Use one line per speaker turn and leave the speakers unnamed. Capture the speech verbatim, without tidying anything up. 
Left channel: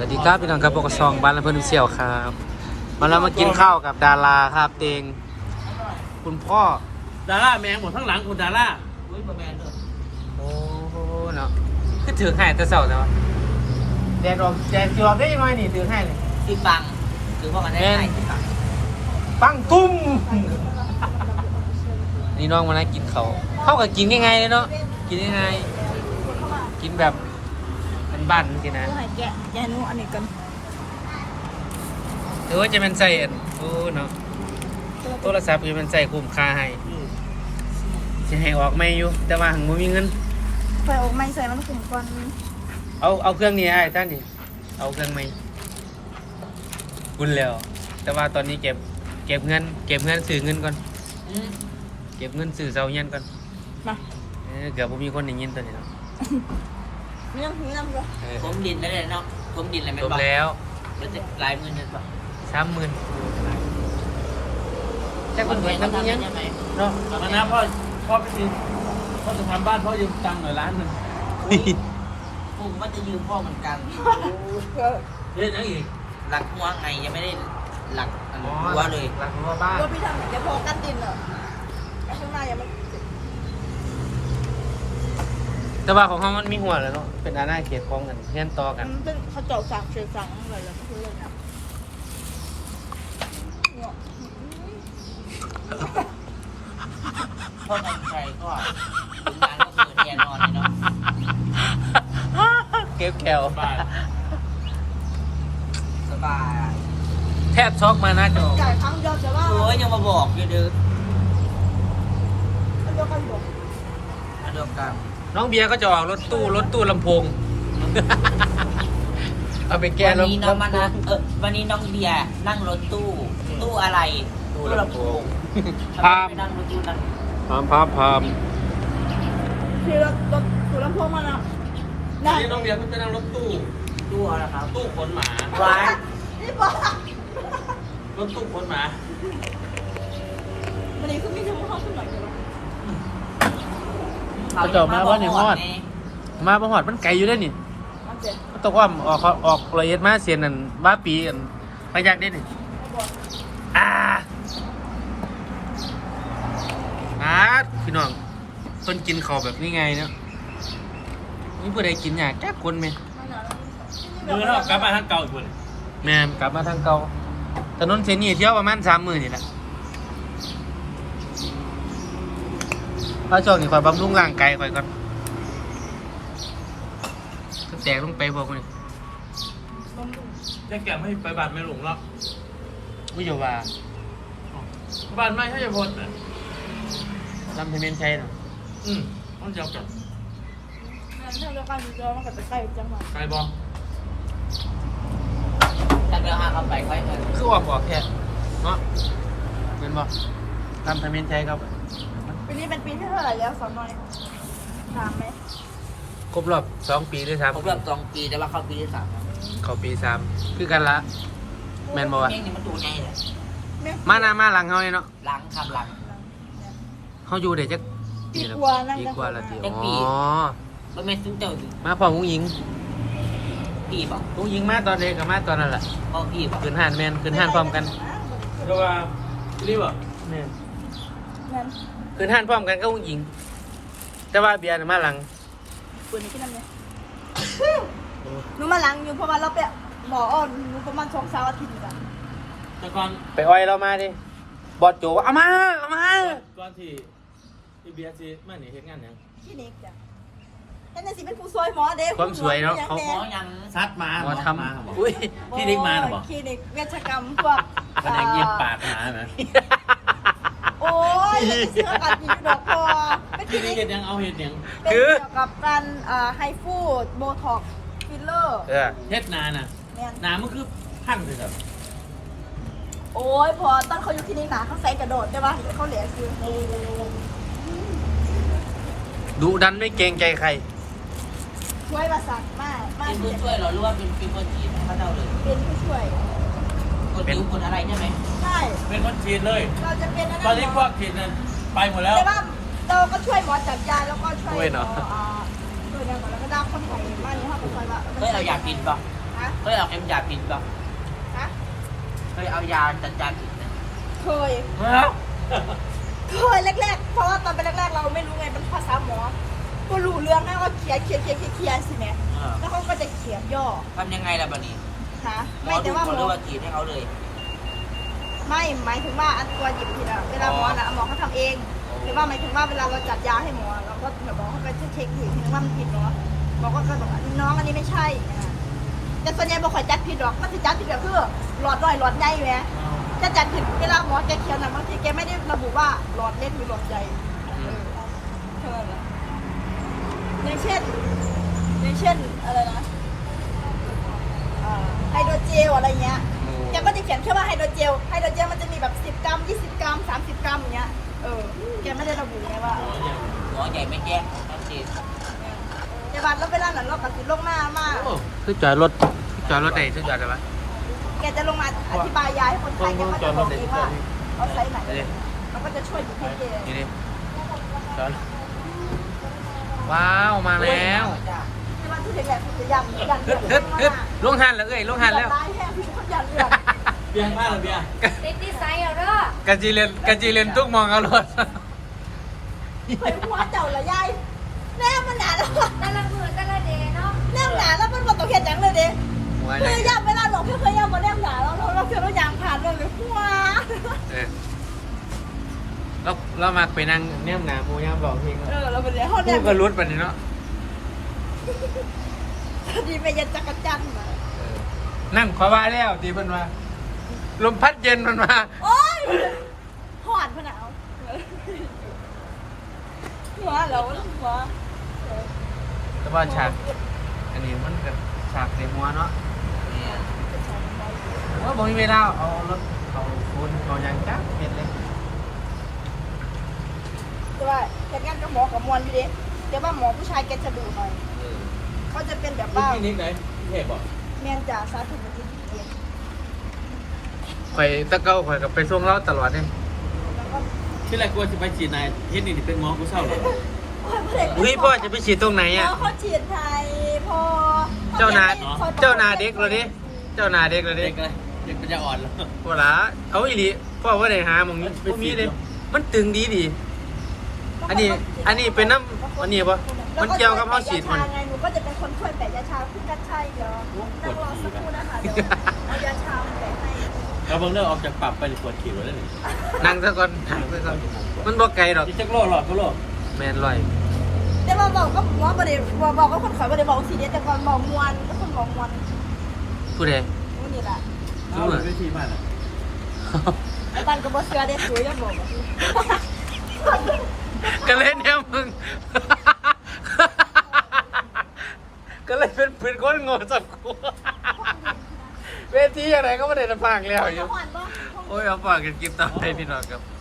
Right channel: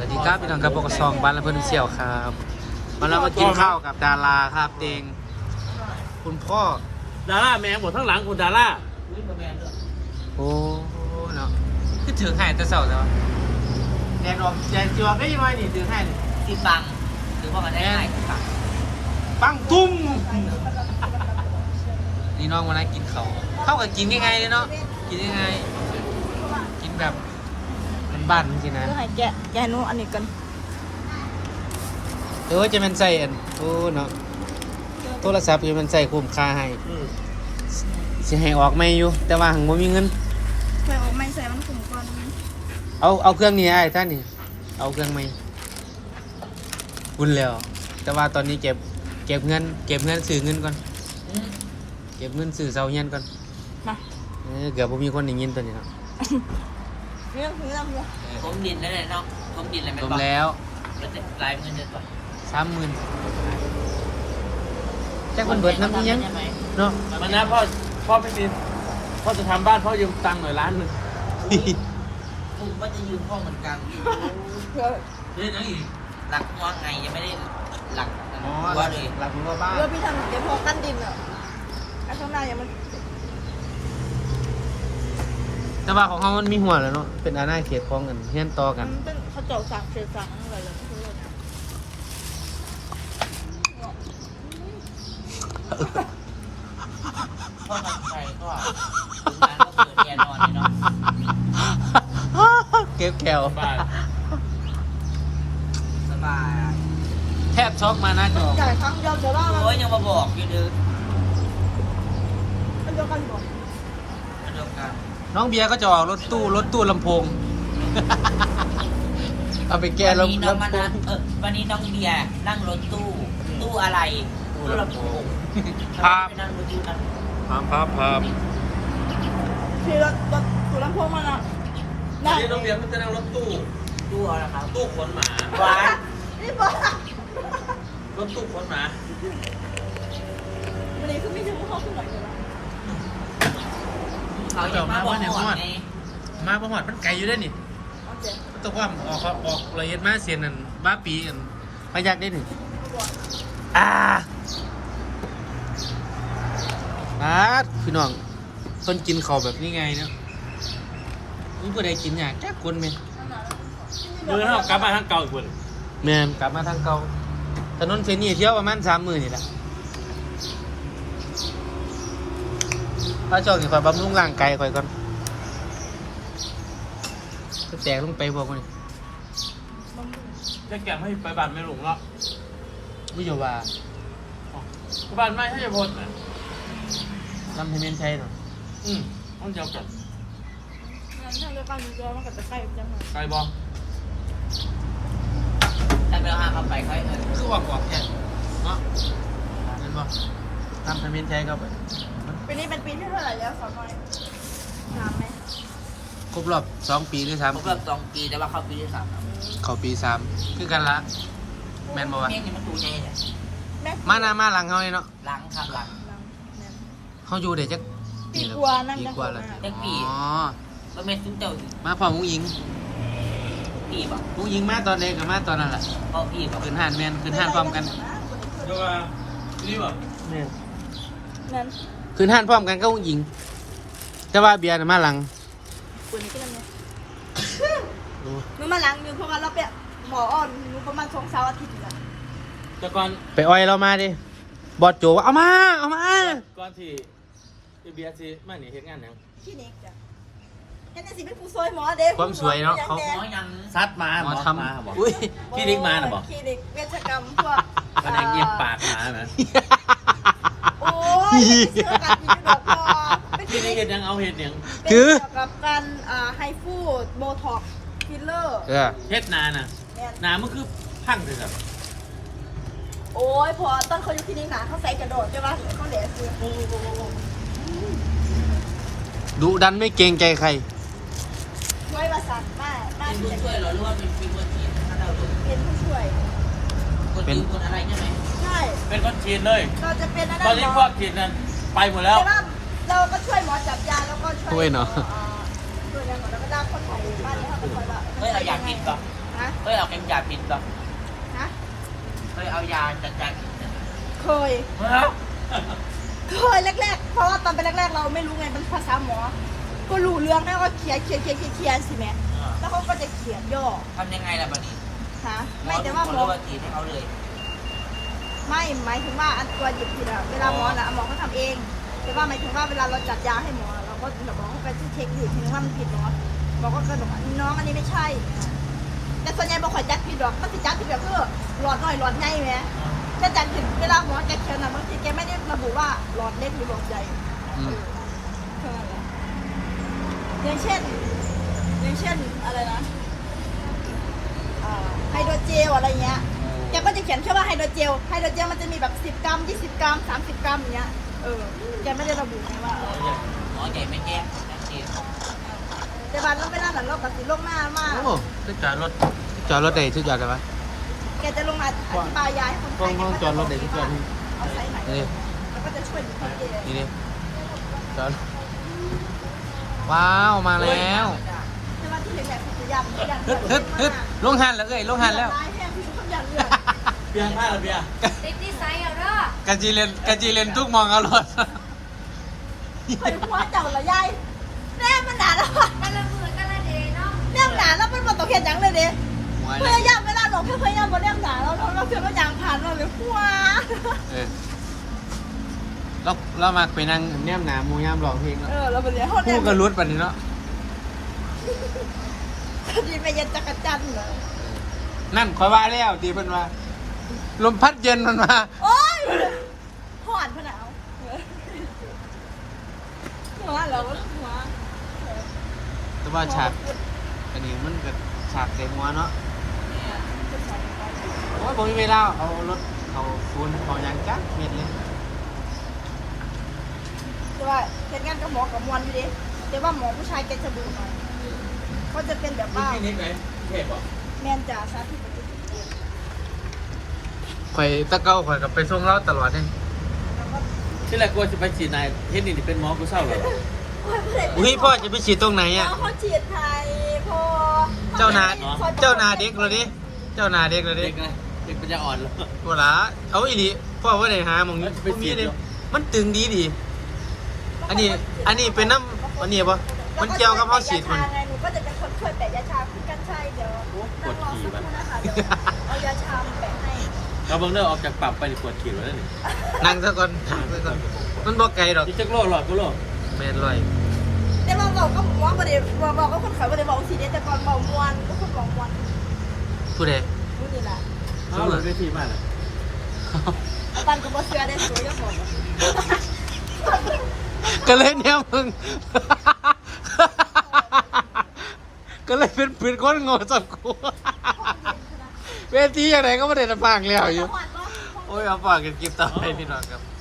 วัสดีครับพี่น้องครับพวกซองบ้านและเพื่อนเสี่ยวครับมาแล้วมากินข้าวกับดาราครับเตงคุณพ่อ
ดาร่าแมงหมดทั้งหลังคุณดาร่า
โอ้โหเนาะคือถือให้แต่เสาแล้วแดดออกแดดจวบได้ยังไงนี่ถือให้นี่
คือปังคือว่ามันได้ง่ายคือปัง
ปังตุ้มนี่น้องมาแล้วกินเขาเข้ากับกินยังไงเลยเนาะกินยังไงกินแบบเป็นบ้านจริงๆนะ
ให้แกะแกะหนูอันนี้กัน
หรือว่าจะเป็นใส่อันโอ้เนาะโทรศัพท์จะเป็นใส่คุ้มค่าให้สิให้ออกไม่อยู่แต่ว่าหังบ่มีเงิน
ไฟออกไม่ใส่มันขุ่มก่อนนี้
เอาเอาเครื่องนี้ไอ้ท่านนี่เอาเครื่องไม่คุณแล้ว แต่ว่าตอนนี้เก็บเก็บเงิน เก็บเงินซื้อเงินก่อนเก็บเงินซื้อเสาเงินก่อน
มา
เออเกือบบ่มีคนได้ยินตัวนี้ครับ
เรื่องนี้นะเพื่อน
เออ
ผมดินแล้วเลยเนาะผมดินอะไรไม่
จบ
บอก
แล้ว
มันจะลายมือเด็ดป่ะ
สามหมื่นจะคนเบิดน้ำยังเนาะ
วันนั้นพ่อพ่อไม่มีพ่อจะทำบ้านพ่อยืมตังค์หน่อยล้านหนึ่ง
ผมก็จะยืมพ่อเหมือนกัน
เล่นอะไรอีก
หลักหัวไงยังไม่ได้หลักหัวเลย
หลังหัวบ้าน
เพื่อพี่ทำเหมือนแกพอกั้นดินอ่ะไอ้ข้างหน้ายังมัน
แต่ว่าของเขามันมีหัวเลยเนาะเป็นอาณาเขตของกันแห่นต่อกัน
มันเป็นเขาเจาะสั่งเสียสั่งอะไรแล้วก็คือเลยนะ
พ่อทำใครก็ผมงานก็เปิดเรียนก่อนเนาะ
เก็บแก้ว
บ้าน
สบาย
แทบช็อกมานะจอ
จ่ายครั้งเดียวเดี๋ยวว่า
โอ้ยยังมาบอกอยู่เด้อ
มันเดียวกันบอก
อันเดียวกัน
น้องเบียร์ก็จะออกรถตู้รถตู้ลำโพง เอาไปแก้
วัน
ลำ
นี้น้องมา
ลำโพ
นะ
ง
เออวันนี้น้องเบียร์นั่งรถตู้ตู้อะไร
ตู้ลำโพง
พาไปนั่งรถตู้นั่ง
พามพามพาม
ที่รถรถตู้ลำโพงมันอ่ะ
วั
ได้
นนี้น้องเบียร์เพิ่งไปนั่งรถตู้
ตู้อะไรครับ
ตู้ขนหมา
ว้าย
นี่บอก
รถตู้ขนหมา
วันนี้คือมีทั้งหมดห้องขึ้นหน่อยเลย
เอาจบมาว่าเนี่ยฮอดมาประหอดมันไกลอยู่ได้อนี่
โอเค
มันต้องว่าออกออกละเอียดมาเสียนนั่นบ้าปีอันพยักได้อนี่อ่าอ่าพี่น้องต้นกินเขาวแบบนี้ไงเนาะนี่ผู้ใดกินหยาแก้คนไหม
เดินเท่ากลับมาทางเก่าอีกคน
แมนกลับมาทางเก่าถนนเส้นนี้เที่ยวประมาณสามหมื่นนี่แหละพระเจ้านี่คอยบำรุงร่างกายคอยก่อนก็แตกลงไปบอกมัน
จะแก็บให้ไปบ้านไม่หลงหรอก
ไม่อยู่ว่า
บ้านไม่ให้พ้นอ่ะ
ลำเทเมนใช่หรอ
อืมต้องเจ้ากัน
งั้นถ้าเดียวกันจอมันก็จะใกล้จังหวะ
ไกลบอล
ถ้าเราเอาไปค่อยเถอะ
คือออกออกแค่เนาะเป็นว่าลำเทเมนใช่ครับ
ปีนี้เป็นปีที่เท่าไหร่แล้วสองหน่อยสามไหม
ครบรอบสองปีด้วย
คร
ซ้ำ
บรอบสองปีแต่ว่าเข้าปีที่สามครับ
เขาปีสามคือกันละแมนบอกว่า
นี่มันดูไงเนี่ย
แม่
มาหน้ามาหลังเขาเลยเนาะ
ล้างข้างหลัง
เขาอยู่เดี๋ยวจะ
ดีกว่านั่ง
ดี
ได้
กว่าละที
ยัง
อ๋
ปี
อ
ก็ไม่ซุ้มเจ้าอยู่
มาพร้อมผู้หญิง
พี่บอก
ผู้หญิงมาตอนเด็กกับมาตอนนั้นแหละ
พ่อพี่บอก
ขึ้นห้านแมนขึ้นห้านพร้อมกัน
ก็ว่านี่บ่
นั้น
ขึ้นห้านพร้อมกันก็ผู้หญิงแต่ว่าเบียร์น่ะมาหลัง
ปุ่นนี้กินน้ำเนี่ยหนูมาล้างอยู่เพราะว่าเราไปหมออ่อนหนูประมาณสองสามอาทิตย์จ้ะ
แต่ก่อน
ไปอ้อยเรามาดิบอดโจว่าเอามาเอามา
ก่อนที่ที่เบียร์ที่มาหนีเหตุงานหยัง
คลินิกจ้ะแต่ในสิเป็นผู้ซอยหมอเด็ก
ความสวยเนาะเขา
หมอยัง
ซัดมา
หมอทำอุ้ย
พี่นิกมาหรอบอก
คลินิกเวชกรรมพวก
วันไหนเงียบปากหมาไหม
โอ้ยเกี่ยวกับกินดอกบัวเป็น
พี่นิกเห็นยังเอาเห็ดยัง
เกี่ยวกับการไฮฟูดโบท็อกฟิลเลอร์
เออ
เฮ็ดนาน่ะนามันคือพังเลยครับ
โอ้ยพอตอนเขาอยู่คลินิกหนาเขาใส่กระโดดใช่ปะเขาเหลือคือ
ดุดันไม่เกรงใจใคร
ช่วยประสานมากมาก
เป็น
เ
ผู้ช่วยเหรอหรือว่าเป็นฟิล์มจีนถ้าเราเลย
ป็นผู้ช่วย
กดยิ้มกดอะไรใช่ไหม
ใช่
เป็นคนจีนเลย
เราจะเป็นอะไร
ตอนนี้พวกจีนนั้นไปหมดแล้ว
แต่ว่าเราก็ช่วยหมอจับยาแล้วก็ช่วย
ช่วยเนาะ
อยู่ในเวลาคนบอกว่าในห้องปฏิบัติ
ไม่เราอยากกินหรอก
นะ
เคยเอาเข็มยาผิดป่ะ
ฮะ
เคยเอายาจัดยาผิดไหม
เคย
เฮ้ย
เคยแรกๆ เพราะว่าตอนเป็นแรกๆ เราไม่รู้ไงเป็นภาษาหมอ ก็รู้เรื่องแล้วก็เขียนเขียนเขียนเขียนเขียนสิแม่แล้วเขาก็จะเขียนย่อ
ทำยังไงล่ะบัดนี้
ฮะไม่แต่ว่าหมอ
เรฉีดให้เขาเลย
ไม่หมายถึงว่าอันตัวหยิบผิดอะเวลาหมอนะหมอเขาทำเอง แต่ว่าหมายถึงว่าเวลาเราจัดยาให้หมอเราก็เดี๋ยวหมอเขาไปเช็คอยู่ทีนึงว่ามันผิดเนาะหมอก็เคยบอกว่าน้องอันนี้ไม่ใช่อย่างเงี้ยนะแต่ส่วนใหญ่บอกขอยจัดผิดหรอกมันจะจัดผิดก็คือหลอดน้อยหลอดใหญ่ไหมจะจัดผิดเวลาหมอแกเขียนนะบางทีแกไม่ได้ระบุว่าหลอดเล็กหรือหลอดใหญ่เออเท่านั้นแหละอย่างเช่นอย่างเช่นอะไรนะเอ่อไฮโดรเจลอะไรเงี้ย แกก็จะเขียนแค่ว่าไฮโดรเจล ไฮโดรเจลมันจะมีแบบสิบกรัมยี่สิบกรัมสามสิบกรัมอย่างเงี้ย เออ แกไม่ได้ระบุไงว่าเออ
หมอใหญ่ไม่แก้ชัดเจน
แต่บัตรเราเวลานั้นเราตัดสินลงหน้ามาก
โอ้คือจอดรถจอดรถไหนชื่อจอดได้ไหม
แกจะลงมาอธิบายยาให้คนไข้แกก็จะบอกเองว่าเอาไซส์ไหน
นี่
แล้วก็จะช่วยดูให้แก
นี่ดิจอดว้าวมาแล้ว
ใช่ไหมที่แรกๆคือจะยันยันเลื
ฮึ
อ
ด
ด
ฮึดฮึดลงหันแล้วเอ้ยลงหันแล้ว
ลายแห้งพี่ทุกคนยันเลือด
เบียร์มากเลยเบียร์
ติดนิสัยเอาเด้อก
ะจีเลนกะจีเลนทุกมองเอารถ
เคยหัวเจ้าละยายแน่มันหนาแล้ว
แต่ละมือแต่ละเดย์เนาะ
แน่หนาแล้วมันบอกต้องเห็นอย่างเลยดิ
หัว
เค
เนี่ย
ยย่ำเวลาหลงเคยย่ำบนแนมหนาแล้วเราเชื่อเรายางผ่านเราเลยหัว
เออเราเรามาไปนั่งแนมหนาหมูย่ามหลอกพี่
เออเราเป็นเรื่องห้องแน
พู
ม
ดก็รุดปันนี้เนาะ
ดีไปยันจักรจันทร์เหรอ
เออนั่นขอว่าแล้วตีเพิ่นมาลมพัดเย็นมันมา
โอ๊ยหอนพะหนาวหัวเราหัว
แต่ว่าฉากอันนี้มันเกิดฉากเต็มหัวเนาะ
เนี่ย
ว่าผมมีเวลาเอารถเขาคนเขายางจักเม็ดเลย
แต่ว่าแค่งานกับหมอกับมวลอยู่ดิแต่ว่าหมอผู้ชายแกจะดุหน่อยเขาจะเป็นแบบว่า
ที่นี่ไงเห็นบอก
แมนจ่าสาธิต
ข่อยตะเก้าข่อยกับไปส่งเราตลอดเลย
ที่แรกกูจะไปฉีดนายเฮ็ดนี่เป็นหมอกูเศร้าเหรอ
อุ้ยพ่อจะไปฉีดตรงไหนอ่ะ
เขาฉีดไทยพอ
เจ้านาเจ้านาเด็กเลยดิเจ้านาเด็กเลยดิ
เด็กเลยเด็กปัญญาอ่อนแล้ว
เวลาเอาอีหลีพ่อว่าได้หาหมอง
ไปฉีด
เลย
เหรอ
มันตึงดีดี อันนี้ อันนี้เป็นน้ำอันนี้ปะมันเกี่ยวกับเขาฉีดมัน
หนูก็จะเป็นคนช่วยแปะยาชาพี่กัญชัยเดี๋ยวนั่งรอสักครู่นะคะเดี๋ยวเอายาชามาแปะให้
เราบังเลิกออกจากปรับไปในปวดฉีดแล้วนี่
นั่งซะก่อนถามไปก่อนมันบอกไกลหรอก
ที่จักรโลหลอดก็โล
แมนลอย
แต่ว่าบอกก็หมอบ่ได้บอกบอกก็คนขอยบ่ได้บอกสีเดียวแต่ก่อนบอกมวนคนบอกมวน
ผู้ใด
นี่นี่แหละ
เอาเลยได้ทีมากอ่ะ
ไอ้ปันก็บ่เชื่อได้ซื้อยังหมด
ก็เล่นเนี่ยมึง ก็เลยเป็นปืนก้อนงอสับกูเวทีอย่างไรก็ไม่ได้จะฟังแล้ว
จะ
อยู่
หวานปะ
โอ้ยเอาฝากกันกินต่อไปพี่น้องครับ